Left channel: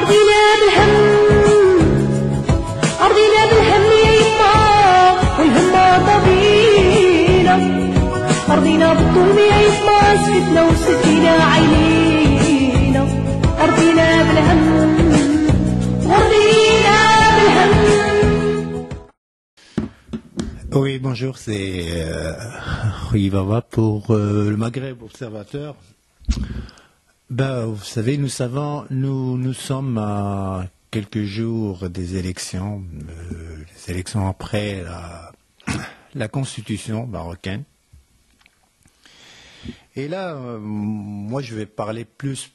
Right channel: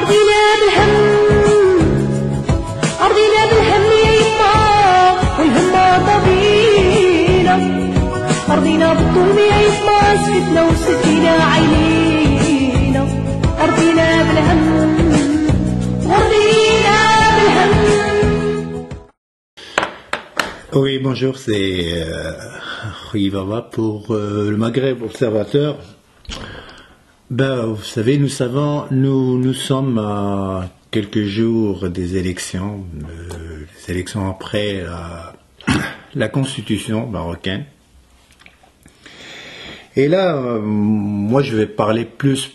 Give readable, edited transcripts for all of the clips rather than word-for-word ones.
أرضينا بالهم أرضينا بالهم يا يما والهمة طبينا أرضينا بالظلم يا يما سكتنا وسكينا عينينا أرضينا بالهم أرضينا بالهم. Oui, bonjour, c'est Rui Baba pour le Maghreb Observateur. Ben, vous savez, nous sommes à quelques jours des élections, les élections après la constitution marocaine. Et là, moi, je vais parler plus,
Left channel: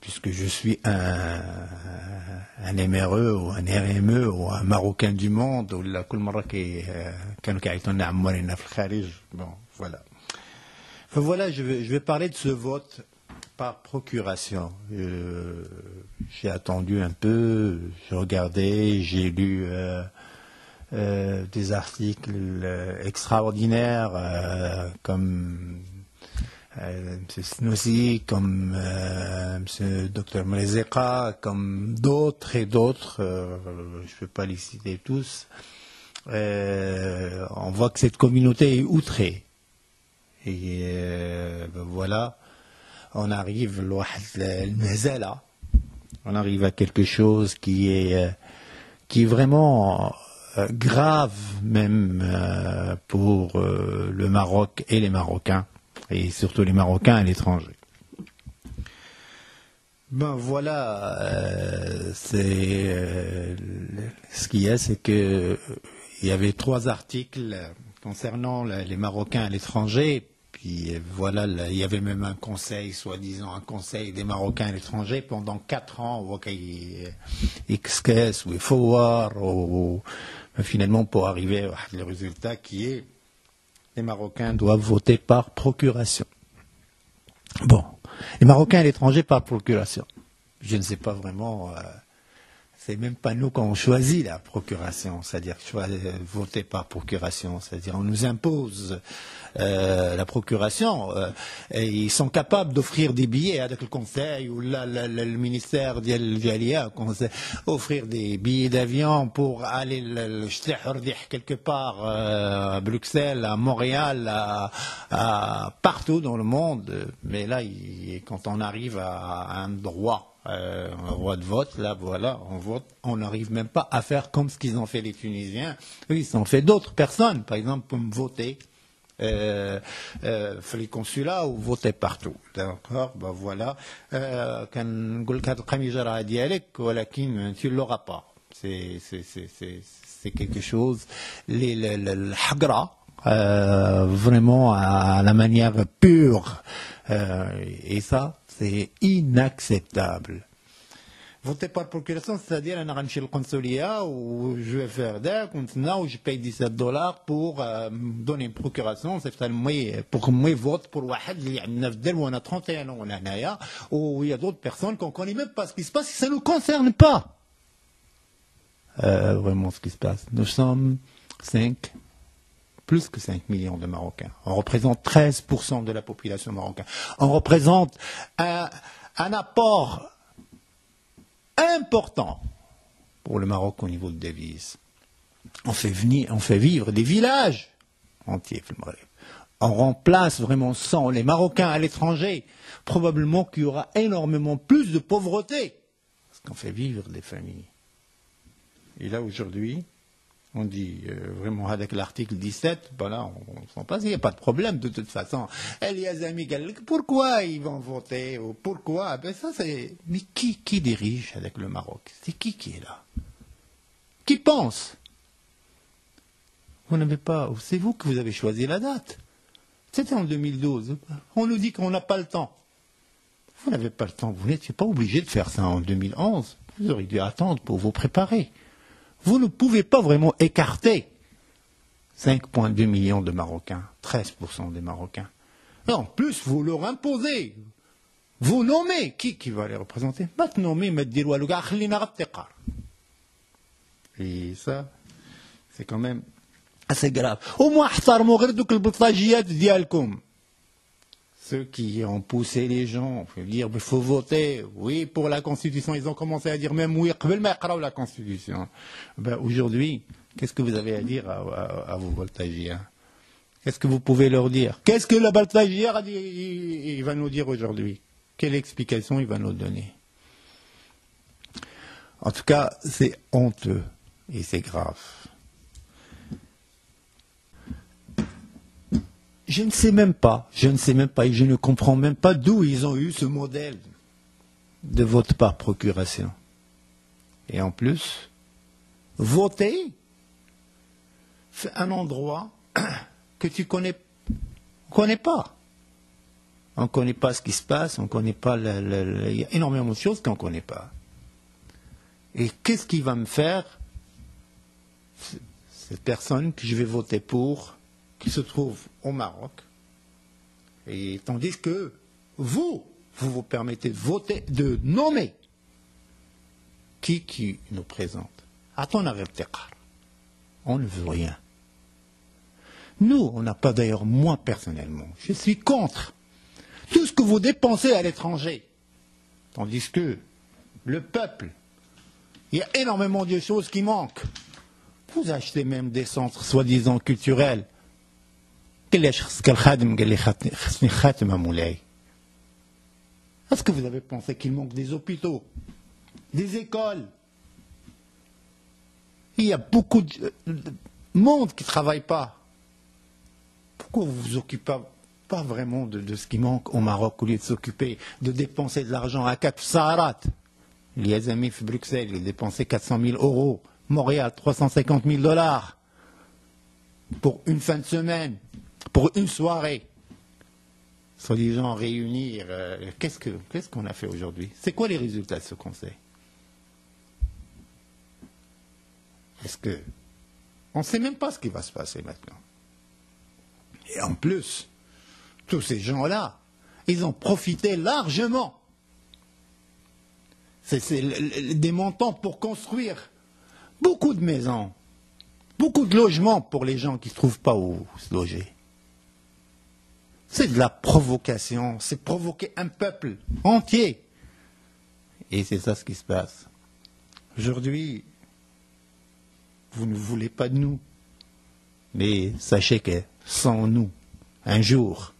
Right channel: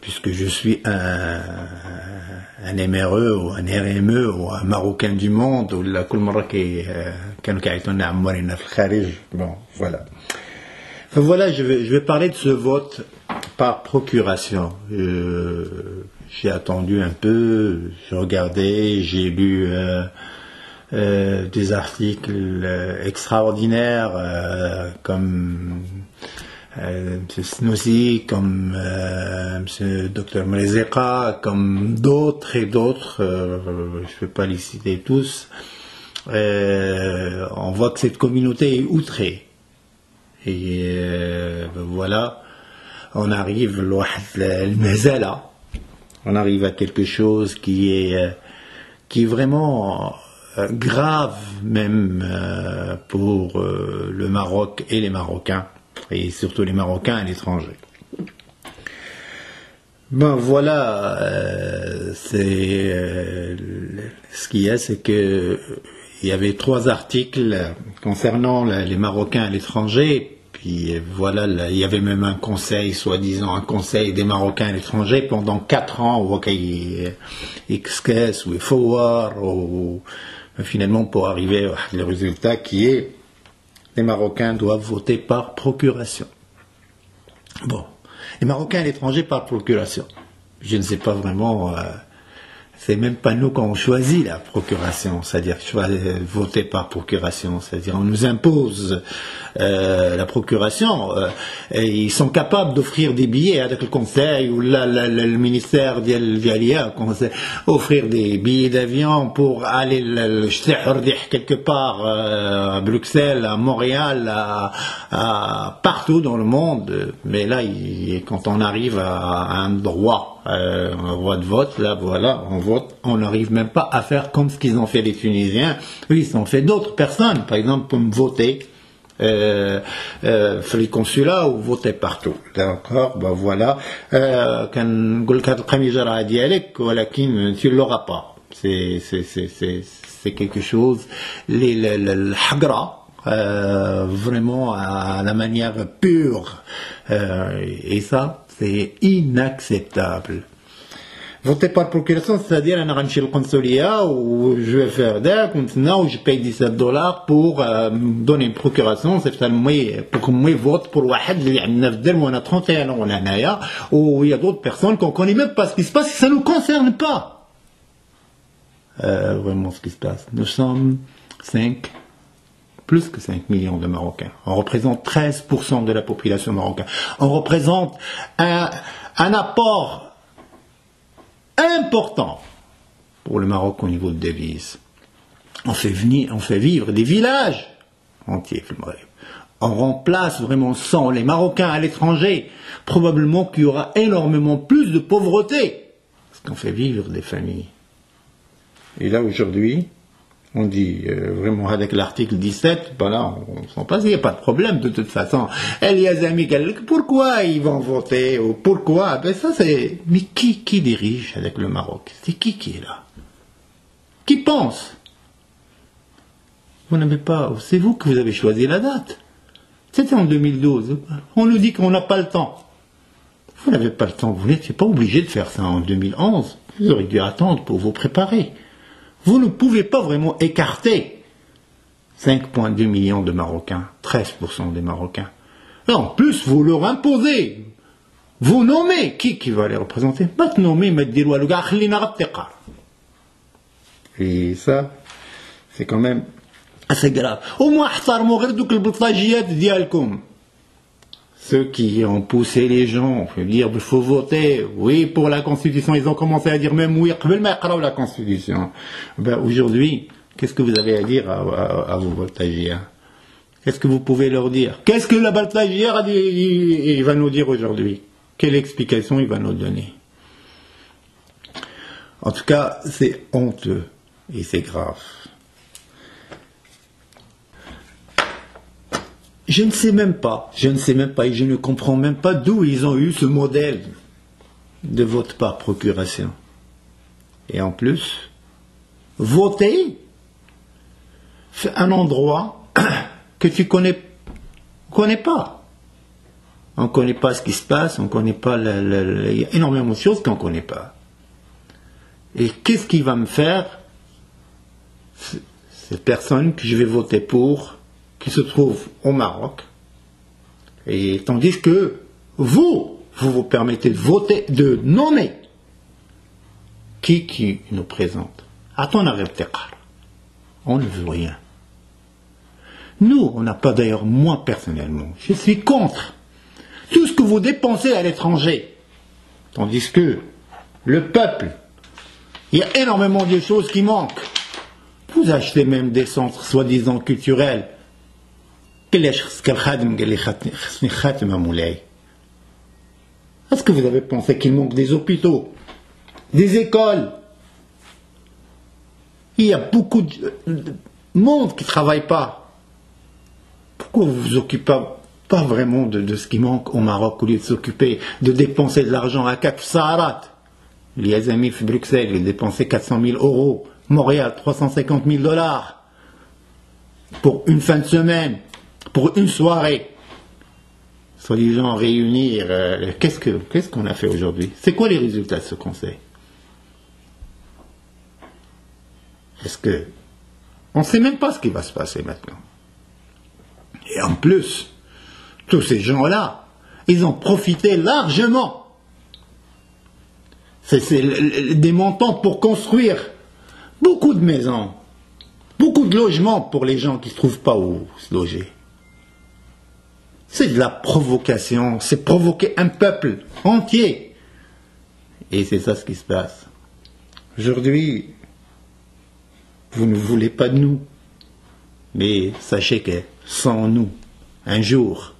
puisque je suis un MRE ou un RME ou un Marocain du monde, ou la bon, voilà. Enfin, voilà, je vais parler de ce vote par procuration. J'ai attendu un peu, j'ai regardé, j'ai lu des articles extraordinaires comme M. Snoussi, comme M. Dr Mrezeka, comme d'autres et d'autres, je ne vais pas les citer tous. On voit que cette communauté est outrée. Et voilà, on arrive à quelque chose qui est vraiment grave même pour le Maroc et les Marocains, et surtout les Marocains à l'étranger. Ben voilà, ce qu'il y a, c'est que il y avait 3 articles concernant les Marocains à l'étranger. Puis voilà, il y avait même un conseil, soi-disant un conseil des Marocains à l'étranger pendant 4 ans, ou XKS ou FOAR, finalement pour arriver au résultat qui est les Marocains doivent voter par procuration. Bon, les Marocains à l'étranger par procuration. Je ne sais pas vraiment, c'est même pas nous qu'on choisit la procuration, c'est-à-dire voter par procuration, c'est-à-dire on nous impose la procuration, et ils sont capables d'offrir des billets avec le conseil ou le ministère d'Alia, offrir des billets d'avion pour aller quelque part à Bruxelles, à Montréal, partout dans le monde. Mais là, quand on arrive à un droit de vote, là voilà, on vote, on n'arrive même pas à faire comme ce qu'ils ont fait les Tunisiens. Oui, ils ont fait d'autres personnes, par exemple pour me voter في القنصلة ou voter partout. D'accord, ben voilà. كنقول لك هذا القميجة راه ديالك ولكن tu l'auras pas. C'est quelque chose الحقرة vraiment à la manière pure, et ça c'est inacceptable. Voter par procuration, c'est-à-dire انا غنمشي للقنصليه و je vais faire داك ونتسنى و je paye $17 pour donner une procuration, c'est pour que moi vote pour واحد اللي عندنا في الدرب وانا 31 ans ولا هنايا, ou il y a d'autres personnes qu'on connaît même pas ce qui se passe, ça nous concerne pas vraiment ce qui se passe. Nous sommes plus que 5 millions de Marocains. On représente 13% de la population marocaine. On représente un apport important pour le Maroc au niveau de devises. On fait vivre des villages entiers. On remplace vraiment sans les Marocains à l'étranger. Probablement qu'il y aura énormément plus de pauvreté, parce qu'on fait vivre des familles. Et là aujourd'hui, on dit vraiment avec l'article 17, ben là, on s'en passe, il n'y a pas de problème de toute façon. Eliazami, pourquoi ils vont voter, ou pourquoi, ben ça c'est... Mais qui dirige avec le Maroc? C'est qui est là? Qui pense? Vous n'avez pas... C'est vous que vous avez choisi la date. C'était en 2012. On nous dit qu'on n'a pas le temps. Vous n'avez pas le temps, vous n'êtes pas obligé de faire ça en 2011. Vous auriez dû attendre pour vous préparer. Vous ne pouvez pas vraiment écarter 5,2 millions de Marocains, 13% des Marocains. Et en plus, vous leur imposez. Vous nommez qui va les représenter. Pas te nommer, mais dire et ça, c'est quand même assez grave. Au moins, احترموا غير دوك البلطاجيات ديالكم. ceux qui ont poussé les gens à dire il faut voter, oui, pour la Constitution, ils ont commencé à dire même oui, la Constitution. Ben, aujourd'hui, qu'est-ce que vous avez à dire à vos voltagiens? Qu'est-ce que vous pouvez leur dire? Qu'est-ce que la voltagière il va nous dire aujourd'hui? Quelle explication il va nous donner? En tout cas, c'est honteux et c'est grave. Je ne sais même pas et je ne comprends même pas d'où ils ont eu ce modèle de vote par procuration. Et en plus, voter c'est un endroit que tu connais pas. On ne connaît pas ce qui se passe, on ne connaît pas, il y a énormément de choses qu'on ne connaît pas. Et qu'est-ce qui va me faire cette personne que je vais voter pour, qui se trouve au Maroc, et tandis que vous permettez de voter, de nommer qui nous présente. On ne veut rien. Nous, on n'a pas, d'ailleurs, moi personnellement, je suis contre tout ce que vous dépensez à l'étranger. Tandis que le peuple, il y a énormément de choses qui manquent. Vous achetez même des centres soi-disant culturels. Est-ce que vous avez pensé qu'il manque des hôpitaux, des écoles? Il y a beaucoup de monde qui ne travaille pas. Pourquoi vous ne vous occupez pas vraiment de ce qui manque au Maroc au lieu de s'occuper de dépenser de l'argent à Cap Saharat? Il y a des amis de Bruxelles, ils dépensaient 400 000 €. Montréal, 350 000 $ pour une fin de semaine, pour une soirée. Soi-disant réunir. Qu'est-ce qu'on a fait aujourd'hui? C'est quoi les résultats de ce conseil? Est-ce que on ne sait même pas ce qui va se passer maintenant? Et en plus, tous ces gens-là, ils ont profité largement. C'est des montants pour construire beaucoup de maisons, beaucoup de logements pour les gens qui ne trouvent pas où se loger. C'est de la provocation, c'est provoquer un peuple entier. Et c'est ça ce qui se passe. Aujourd'hui, vous ne voulez pas de nous. Mais sachez que sans nous, un jour,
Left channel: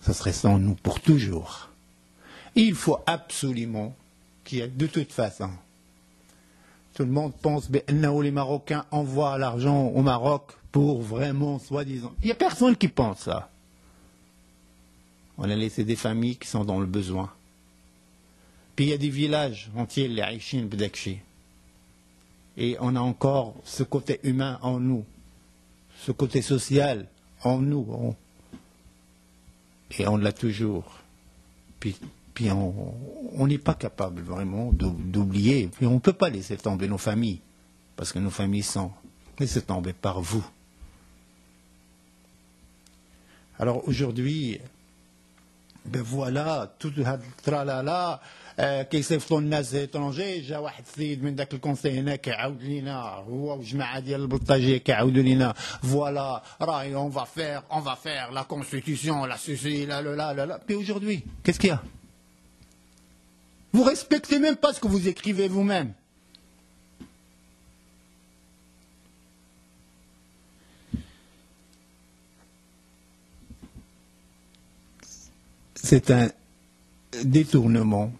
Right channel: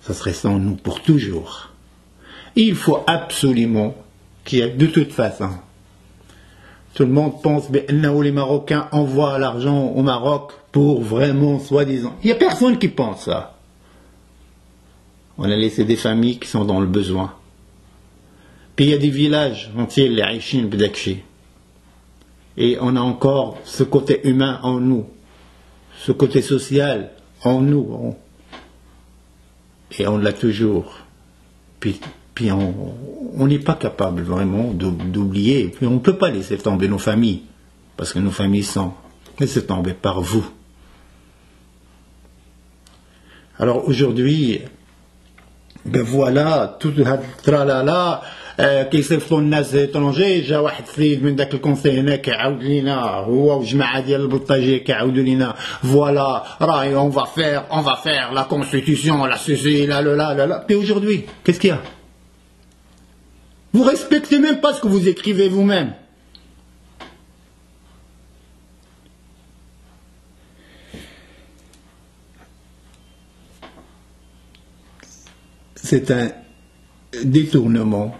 ça serait sans nous pour toujours. Il faut absolument qu'il y ait, de toute façon, tout le monde pense que les Marocains envoient l'argent au Maroc pour vraiment, soi-disant. Il n'y a personne qui pense ça. On a laissé des familles qui sont dans le besoin. Puis il y a des villages entiers, les Aïchines, Bdakchi. Et on a encore ce côté humain en nous, ce côté social en nous. Et on l'a toujours. Puis on n'est pas capable vraiment d'oublier. Puis on ne peut pas laisser tomber nos familles, parce que nos familles sont laissées tomber par vous. Alors aujourd'hui, ben voilà, tout le tralala, كيصيفطوا الناس étrangers. جا واحد السيد من ذاك الكونسي هنا كيعاود لينا هو وجماعه ديال البلطاجيه كيعاودوا لينا فوالا راهي on va faire la constitution, la ceci, la. Puis aujourd'hui, qu'est-ce qu'il y a? Vous respectez même pas ce que vous écrivez vous-même. C'est un détournement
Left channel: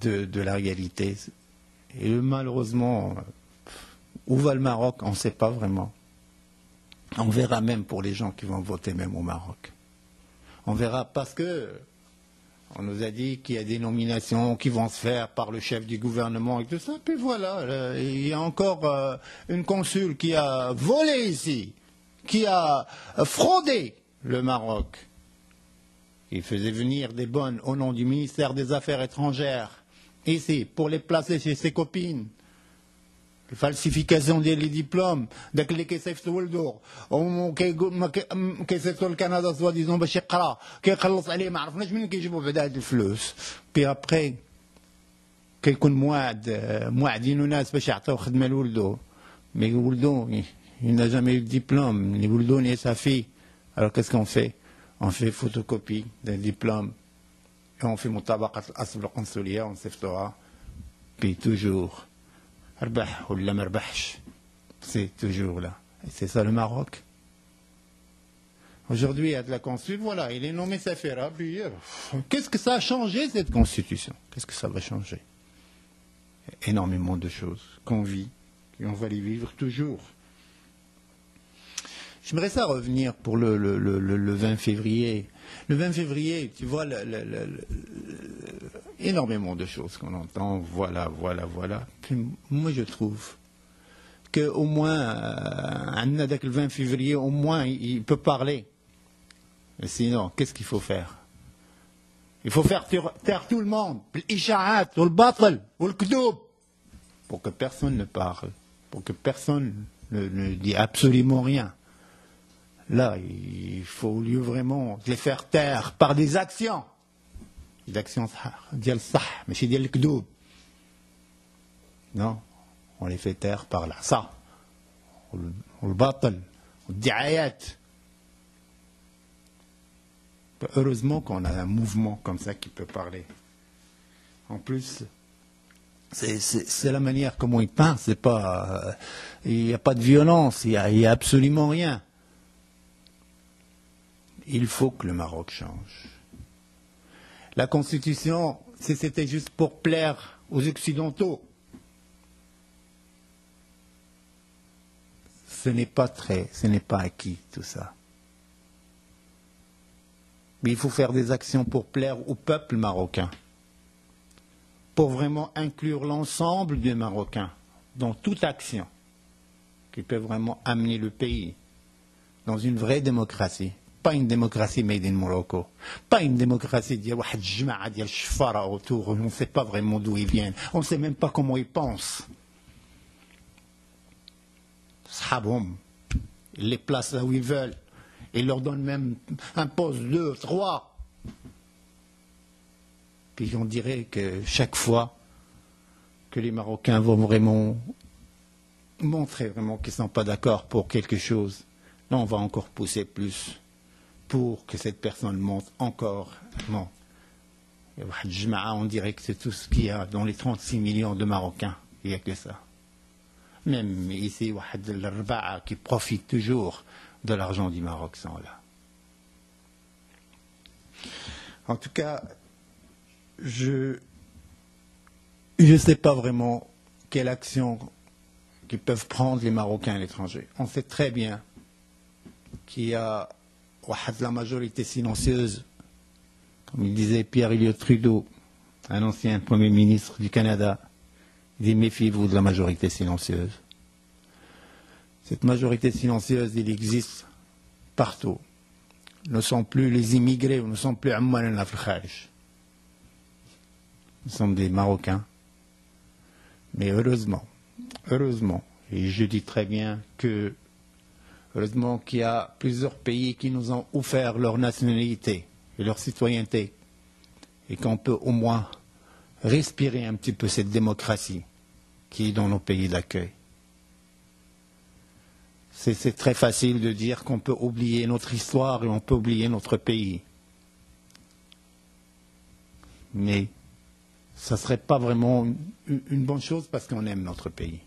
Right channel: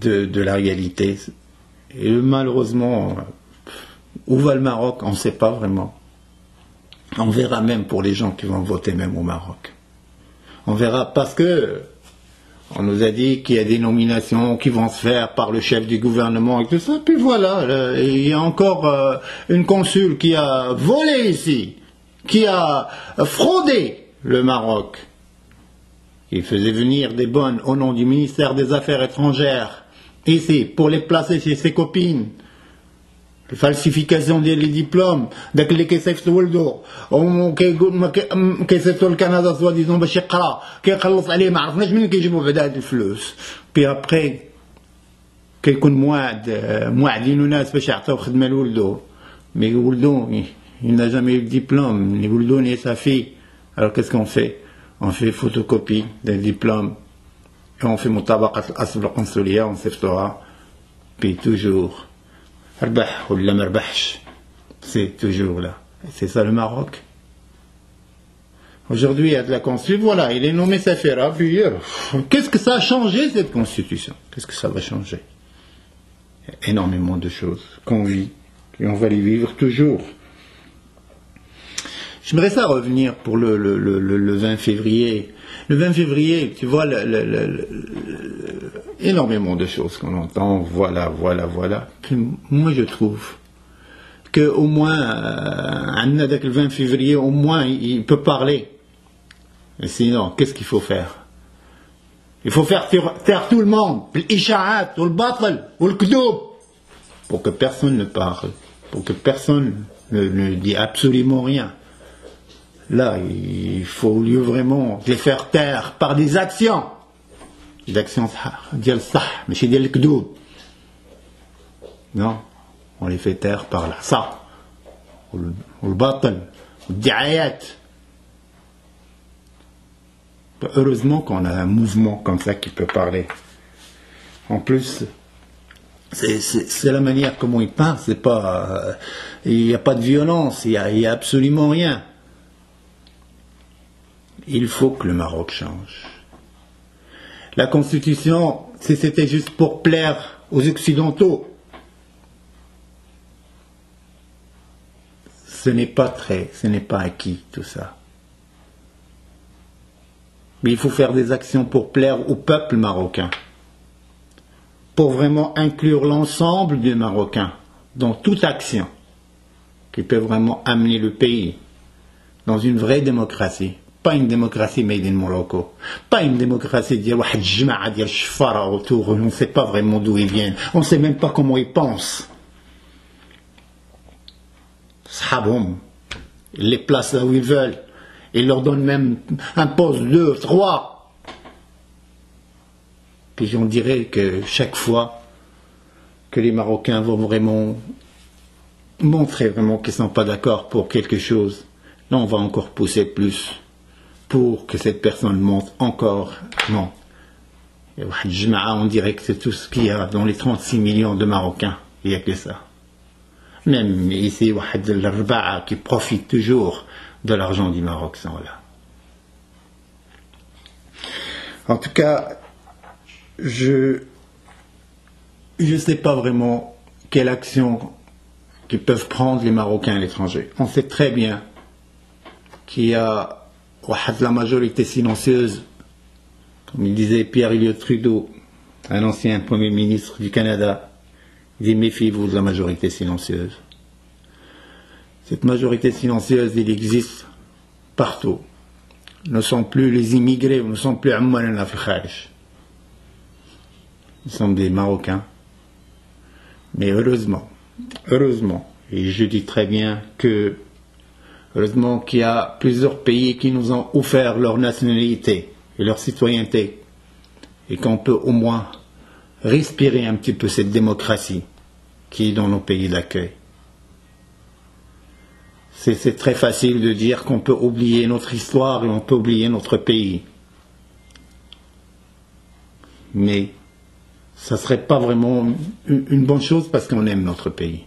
de la réalité. Et malheureusement, où va le Maroc? On ne sait pas vraiment. On verra même pour les gens qui vont voter même au Maroc. On verra parce que on nous a dit qu'il y a des nominations qui vont se faire par le chef du gouvernement et tout ça. Puis voilà, il y a encore une consul qui a volé ici, qui a fraudé le Maroc. Il faisait venir des bonnes au nom du ministère des Affaires étrangères, ici, pour les placer chez ses copines. Falsification des diplômes, داك اللي كيصيفط ولده كيصيفطوا لكندا سوا ديزون باش يقرا كيخلص عليه ما عرفناش منين كيجيبوا بعدا هاد الفلوس. بي ابري كيكون موعدين ناس باش يعطيو خدمه لولده مي ولده il n'a jamais eu de diplôme ni ولده ni sa fille. Alors qu'est-ce qu'on fait? on fait photocopie des diplômes, et on fait mutabaqat al-asl al-consulia, on s'effectuera, puis toujours, arbah ou la merbahch, c'est toujours là. Et c'est ça le Maroc. Aujourd'hui, il y a de la constitution, voilà, il est nommé Safira, puis qu'est-ce que ça a changé cette constitution? Qu'est-ce que ça va changer? Il y a énormément de choses qu'on vit, et on va les vivre toujours. J'aimerais ça revenir pour le 20 février. Le 20 février, tu vois, énormément de choses qu'on entend, voilà. Puis moi, je trouve qu'au moins, le 20 février, au moins, il peut parler. Et sinon, qu'est-ce qu'il faut faire? Il faut faire taire tout le monde, l'isha'at, ou le batal, ou le kdoub, pour que personne ne parle, pour que personne ne dit absolument rien. Là, il faut vraiment les faire taire par des actions. Des actions ديال الصح ماشي ديال الكذوب. Non, on les fait taire par là. Ça, ou le batal, ou le diayat. Heureusement qu'on a un mouvement comme ça qui peut parler. En plus, c'est la manière comment il parle. C'est pas, il n'y a pas de violence, il y a absolument rien. Il faut que le Maroc change. La Constitution, si c'était juste pour plaire aux Occidentaux, ce n'est pas acquis tout ça. Mais il faut faire des actions pour plaire au peuple marocain, pour vraiment inclure l'ensemble des Marocains dans toute action qui peut vraiment amener le pays dans une vraie démocratie. Pas une démocratie made in Morocco, pas une démocratie d'il y a jma'a d'il shfara autour, on ne sait pas vraiment d'où ils viennent, on ne sait même pas comment ils pensent. Sahaboum, ils les placent là où ils veulent. Ils leur donnent même un poste, 2, 3. Puis on dirait que chaque fois que les Marocains vont vraiment montrer vraiment qu'ils ne sont pas d'accord pour quelque chose, là on va encore pousser plus pour que cette personne monte encore. Non. On dirait que c'est tout ce qu'il y a dans les 36 millions de Marocains. Il n'y a que ça. Même ici, l'Arba'a qui profite toujours de l'argent du Maroc sont là. En tout cas, je ne sais pas vraiment quelle action qu'ils peuvent prendre les Marocains à l'étranger. On sait très bien qu'il y a la majorité silencieuse, comme il disait Pierre Elliott Trudeau, un ancien Premier ministre du Canada, il dit méfiez-vous de la majorité silencieuse. Cette majorité silencieuse, il existe partout. Ne sont plus les immigrés, ne sont plus Amman la Kharij. Ils sont des Marocains. Mais heureusement, et je dis très bien que heureusement qu'il y a plusieurs pays qui nous ont offert leur nationalité et leur citoyenneté et qu'on peut au moins respirer un petit peu cette démocratie qui est dans nos pays d'accueil. C'est très facile de dire qu'on peut oublier notre histoire et on peut oublier notre pays. Mais ça ne serait pas vraiment une bonne chose parce qu'on aime notre pays.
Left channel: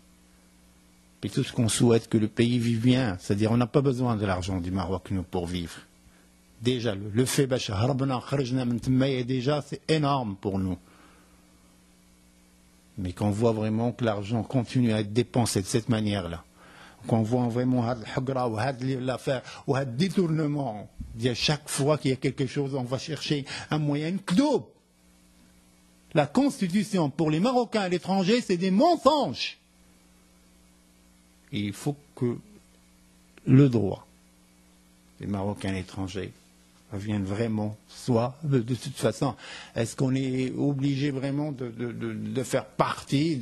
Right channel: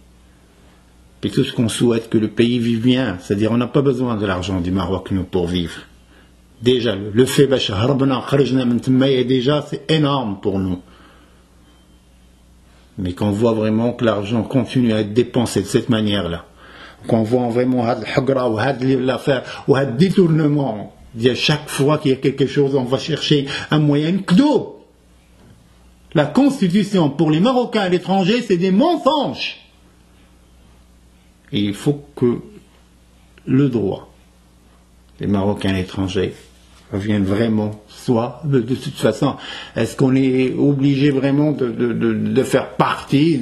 Et tout ce qu'on souhaite que le pays vive bien, c'est-à-dire on n'a pas besoin de l'argent du Maroc nous pour vivre. Déjà, le fait déjà c'est énorme pour nous. Mais qu'on voit vraiment que l'argent continue à être dépensé de cette manière-là, qu'on voit vraiment l'affaire ou un détournement, chaque fois qu'il y a quelque chose, on va chercher un moyen kdoub. La Constitution pour les Marocains à l'étranger, c'est des mensonges. Et il faut que le droit des Marocains à l'étranger revienne vraiment, soit de toute façon, est-ce qu'on est obligé vraiment de faire partie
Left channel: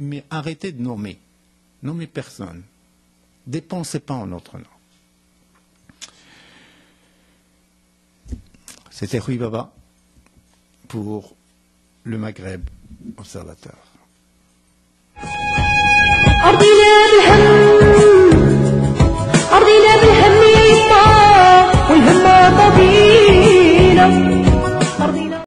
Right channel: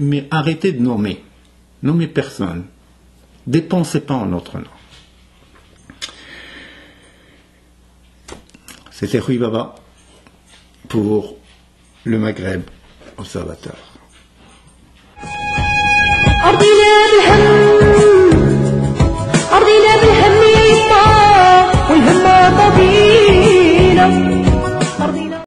mais arrêtez de nommer personne, dépensez pas en notre nom. C'était Rui Baba pour le Maghreb Observateur. أرضنا بالهم يا يما والهم